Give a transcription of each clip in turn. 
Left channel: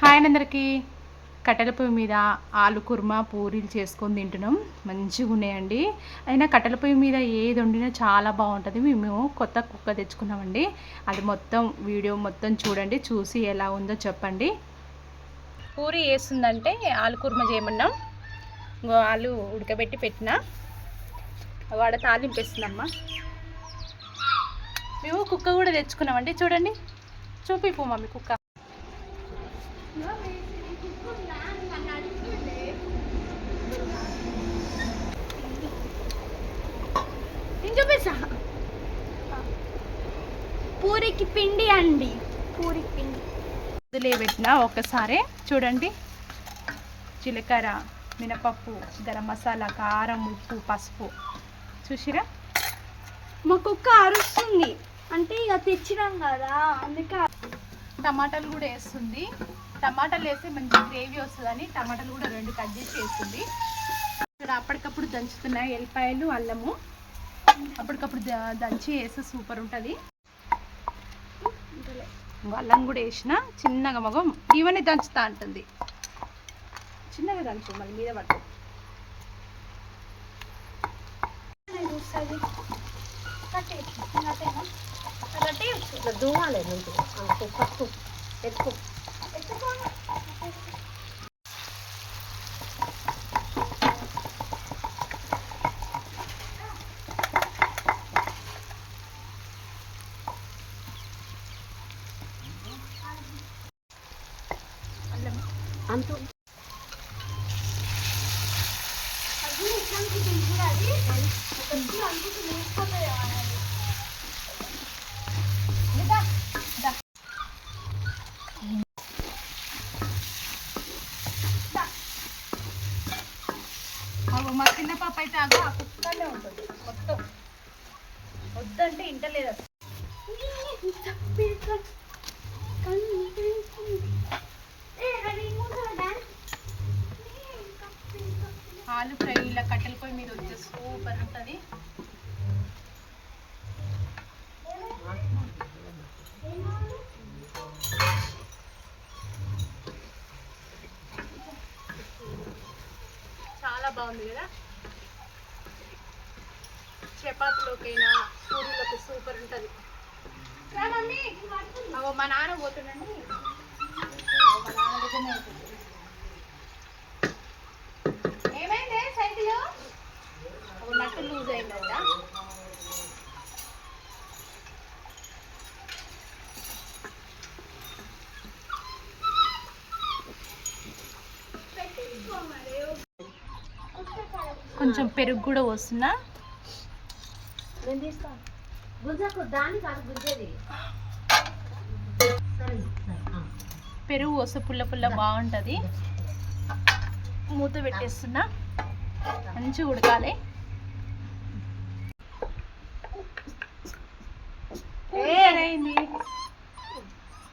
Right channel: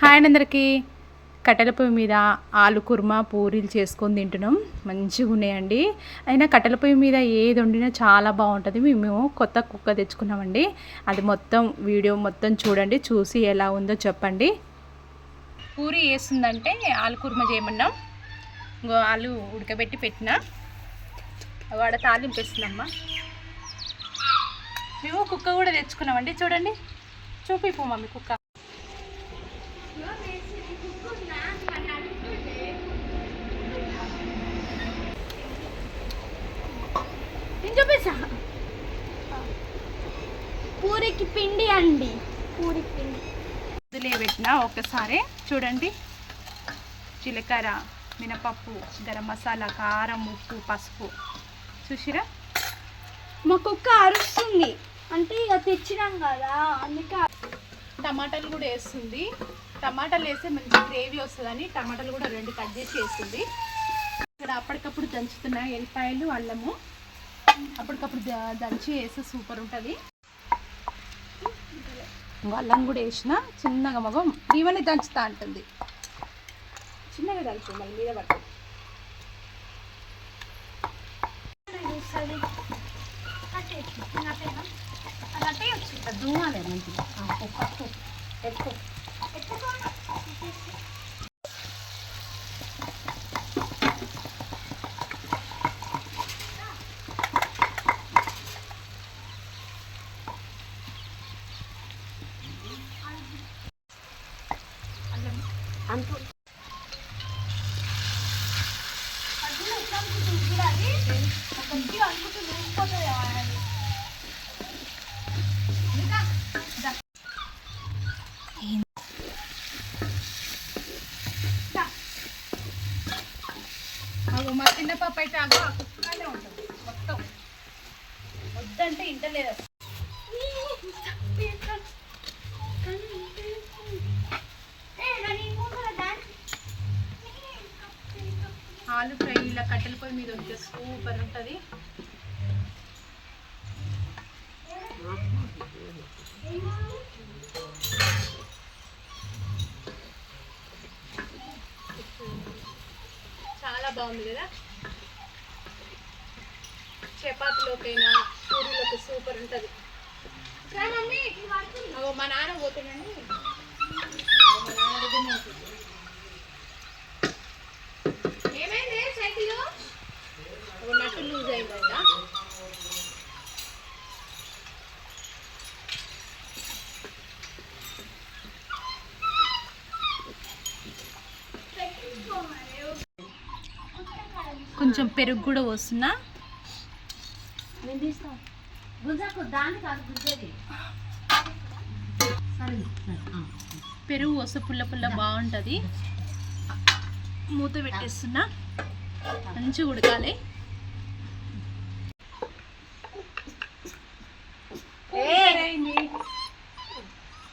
Hi అందరికీ. కట్టెల పొయ్యి మీద ఆలు కుర్మా పూరీలు చేసుకొని తింటున్నాం. మంచిగా ఉన్నాయండి. అయినా కట్టెల పొయ్యి మీద ఏది వండినా చాలా బాగుంటుంది. మేము కొత్త కుక్క తెచ్చుకున్నామండి. అది మొత్తం వీడియో మొత్తం చూడండి. చూసి ఎలా ఉందో చెప్పండి. పూరి వేస్తుందంటే ఆలు కుర్మా చేయమన్నాం. ఇంకో ఆలు ఉడకబెట్టి పెట్టిన. వాడ తాలింపేస్తుందమ్మా మేము కుక్క కూడా తెచ్చుకున్నామండి. చూడండి. చూపిపో మమ్మీ కుక్క. నేను చూపిస్తా? పూరికి పిండి అండి. పూరికి పిండి. వదిలే పెట్టిన ఒక్కసారి. చూడండి. జీలకర్ర మినపప్పు గరం మసాలా కారం ఉప్పు పసుపు. చూసిరా? మా కుక్క అరుస్తుంది. అంటే ఇక తెచ్చినాం కదా అందుకే టమాటాలు కూడా వేస్తుంది. టమాటాలు వేస్తే మంచి గ్రేవీ వస్తుందని టమాటాలు కూడా రెండు కట్ చేసి వేస్తుంది. ఇక్కడ అప్పటికప్పుడు దంచుతున్న ఎల్లిపాయలు అల్లము. అప్పటికప్పుడు ద- దంచి వేస్తే సూపర్ ఉంటుంది. అల్లం కూడా వేసిన చిన్నగా మగం ఇవన్నీ దంచుతా అంటుంది. చిన్నగా దంచు మళ్ళీ మీద ఇట్లా దూమాలి మంచిగా. పప్పు ఎక్కువ. అగో మా చిన్న పాప అయితే అగో ఆ కుక్కనే ఉంటుంది మొత్తం. వద్దంటే ఇంటలేదు ఆలు ఫ్రై ఇలా కట్టెల పొయ్యి మీద వస్తే సూపర్ ఉంటుంది. చాలా బాగుంది కదా? చపాతీలోకైనా పూరీలోకి సూపర్ ఉంటుంది. మా నాన్న పోతుండండి. అగో మా నాన్న దగ్గరనే కొంచెం పెరుగు కూడా వస్తున్నా పెరుగు వస్తే పుల్ల పుల్ల బాగుంటుంది. మూత పెట్టేస్తున్నా. మంచిగా ఉడకాలి.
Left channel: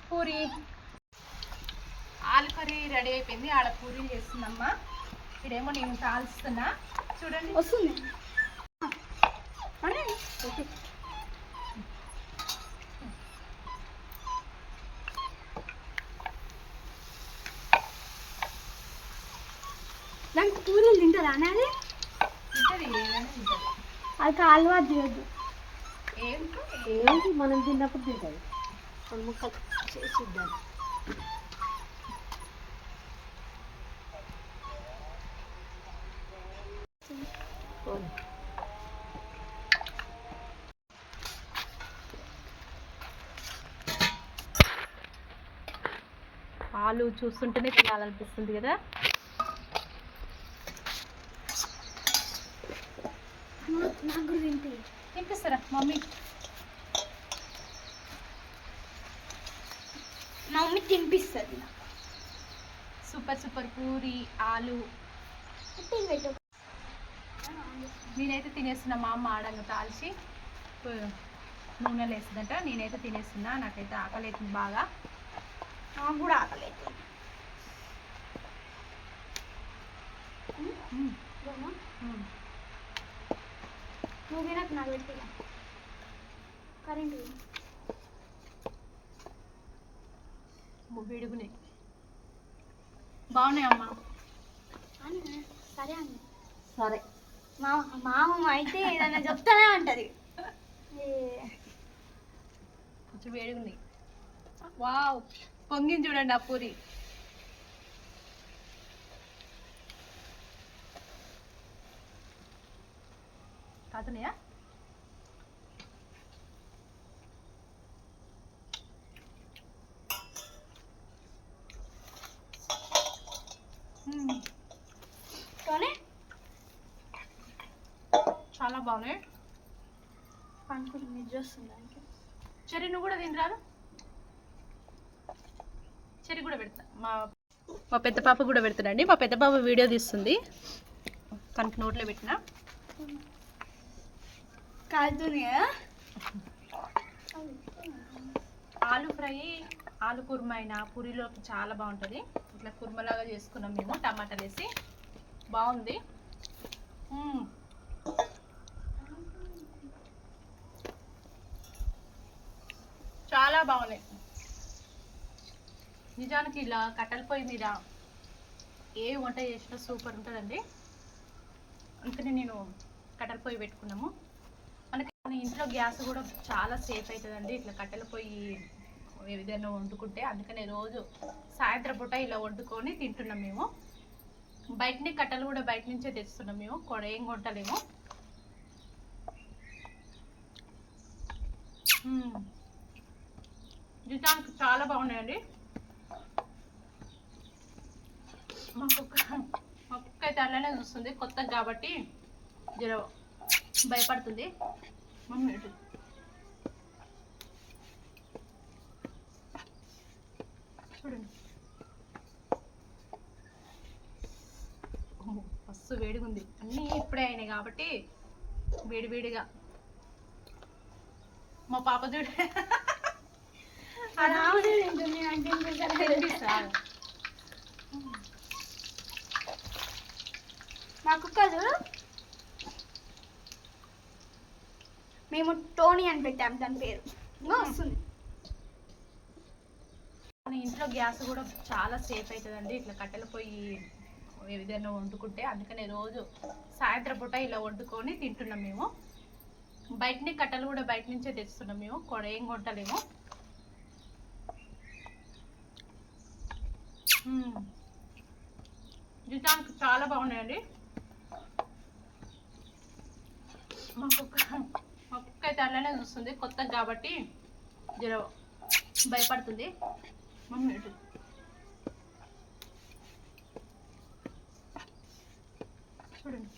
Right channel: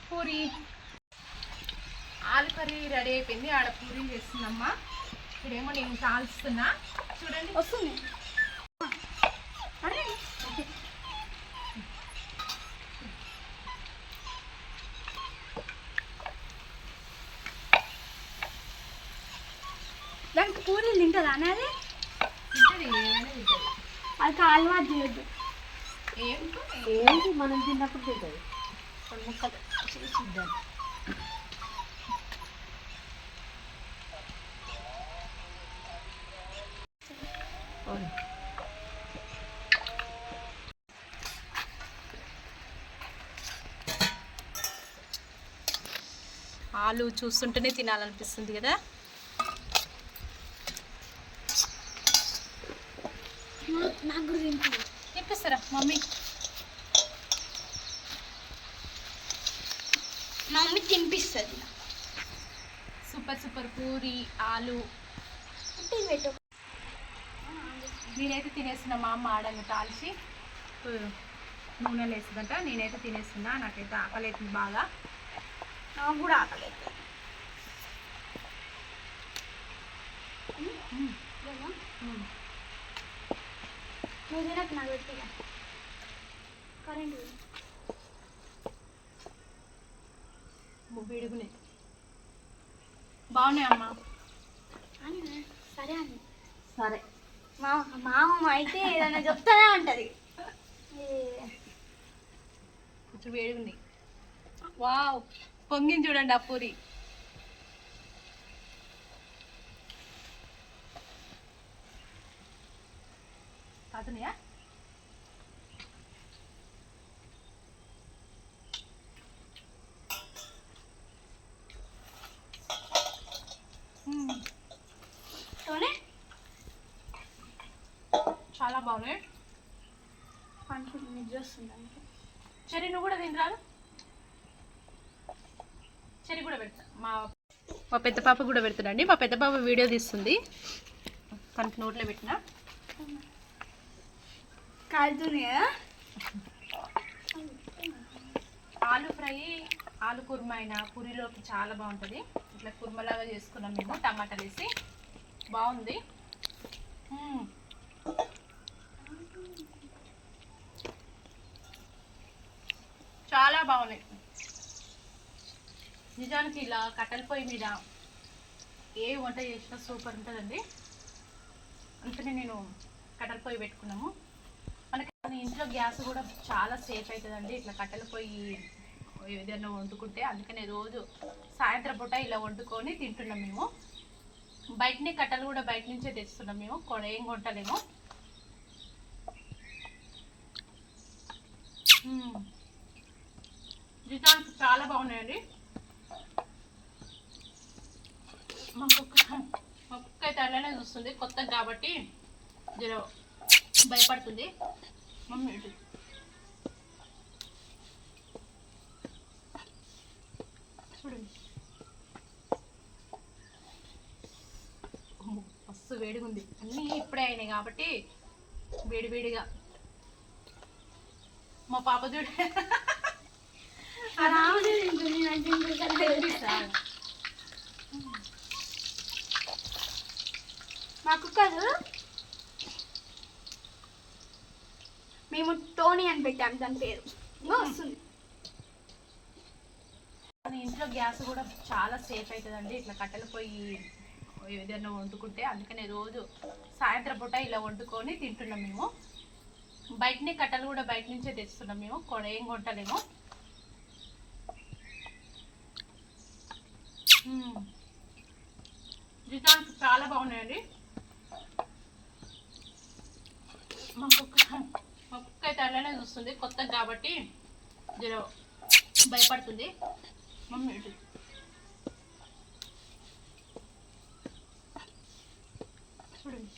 పూరి ఆలు కర్రీ రెడీ అయిపోయింది. ఆడ పూరి చేస్తుందమ్మా. ఇక్కడేమో నేను కాల్స్తున్నా. వస్తుంది. దానికి పూరీలు తింటుందా అనేది అది అలవాటు చేయొద్దు. ఏంటి? మనం తిన్నప్పుడు తింటుంది ముక్కలు చేసి ఇద్దాం ఆలు చూస్తుంటేనే తినాలనిపిస్తుంది కదా? తినిపిస్తారా మమ్మీ? మమ్మీ తినిపిస్తుంది సూపర్ సూపర్ పూరి ఆలు. పెట్టు. నేనైతే తినేస్తున్నా మా అమ్మ ఆడంగా తాల్చి నూనెలు వేస్తుందంట నేనైతే తినేస్తున్నా. నాకైతే ఆకలి అవుతుంది బాగా. నాకు కూడా ఆకలి వేడుగునే. బాగున్నాయి అమ్మా సరే అండి సరే. మా మామ అయితే ఏదైనా చెప్తానే అంటది కొంచెం వేడి ఉంది వావ్ పొంగింది చూడండి ఆ పూరి. కాదునయా చాలా బాగున్నాయి. వస్తుంది చెరి నువ్వు కూడా తినరాదు చెరి కూడా పెడతా. మా మా పెద్ద పాప కూడా పెడుతుందండి. మా పెద్ద పాప వీడియో తీస్తుంది. తనకి నోట్లో పెట్టిన. కాలుతుంది కదా? ఆలు ఫ్రై ఆలు కుర్మ అయినా పూరిలోకి చాలా బాగుంటుంది. ఇట్లా కుర్మలాగా చేసుకున్నాం మేము టమాటాలు వేసి. బాగుంది మ్మ్. చాలా బాగున్నాయి. నిజానికి ఇలా కట్టెల పొయ్యి మీద ఏ వంట చేసినా సూపర్ ఉంటుందండి. అందుకని నేను కట్టెల పొయ్యి పెట్టుకున్నాము. మనకి మన ఇంట్లో గ్యాస్ కూడా చాలా సేఫ్ అవుతుందండి ఇట్లా కట్టెల పొయ్యి ఏ విధంగా వండుకుంటే అందుకనే రోజు సాయంత్రం పూట ఇలా వండుకొని తింటున్నాం మేము. బయటనే కట్టెలు కూడా బయట నుంచే తెస్తున్నాం మేము. కూడా ఏం కొంటలేము. నిజానికి చాలా బాగున్నాయండి. మా కుక్క మా కుక్క అయితే అలానే చూస్తుంది కొత్త కాబట్టి జర భయపడుతుంది. మమ్మీ చూడండి. మస్తు వేడిగా ఉంది అన్నీ ఇప్పుడే అయినాయి కాబట్టి వేడి వేడిగా. మా పాప చూడ రాముడు తింటుంది అంటే ఇంకా తెప్పిస్తా. మా కుక్కదు మేము టోనీ అని పెట్టాం దాని పేరు వస్తుంది మన ఇంట్లో గ్యాస్ కూడా చాలా సేఫ్ అవుతుందండి ఇట్లా కట్టెల పొయ్యి విధంగా వండుకుంటే అందుకనే రోజు సాయంత్రం పూట ఇలా వండుకొని తింటున్నాం మేము. బయటనే కట్టెలు కూడా బయట నుంచే తెస్తున్నాం మేము. కొడ ఏం కొంటలేము నిజానికి చాలా బాగున్నాయండి. మా కుక్క మా కుక్క అయితే అలానే చూస్తుంది కొత్త కాబట్టి జర భయపడుతుంది. మమ్మీ చూడండి.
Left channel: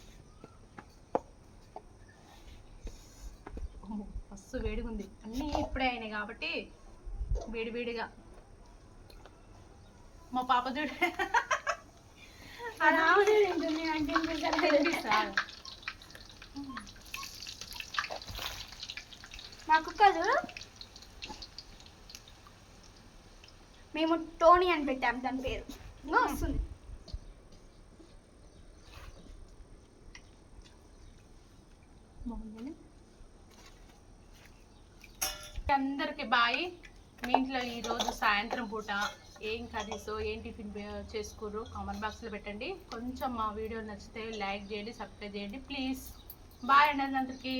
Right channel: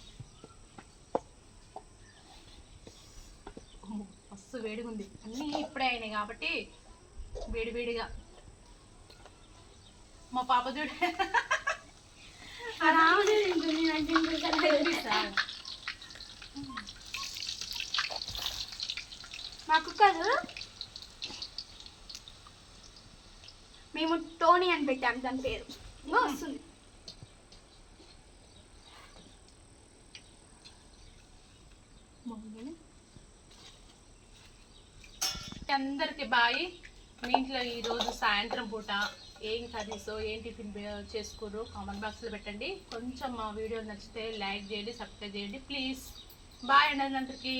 మస్తు వేడిగా ఉంది అన్నీ ఇప్పుడే అయినాయి కాబట్టి వేడి వేడిగా. మా పాప చూడ. మా కుక్కదు మేము టోనీ అని పెట్టాం దాని పేరు. వస్తుంది. అందరికి బాయ్. మీ ఇంట్లో ఈరోజు సాయంత్రం పూట ఏం కర్రీసో ఏం టిఫిన్ చేసుకోరు కామెంట్ బాక్స్లో పెట్టండి. కొంచెం మా వీడియో నచ్చితే లైక్ చేయండి సబ్స్క్రైబ్ చేయండి. ప్లీజ్. బాయ్ అండి అందరికీ.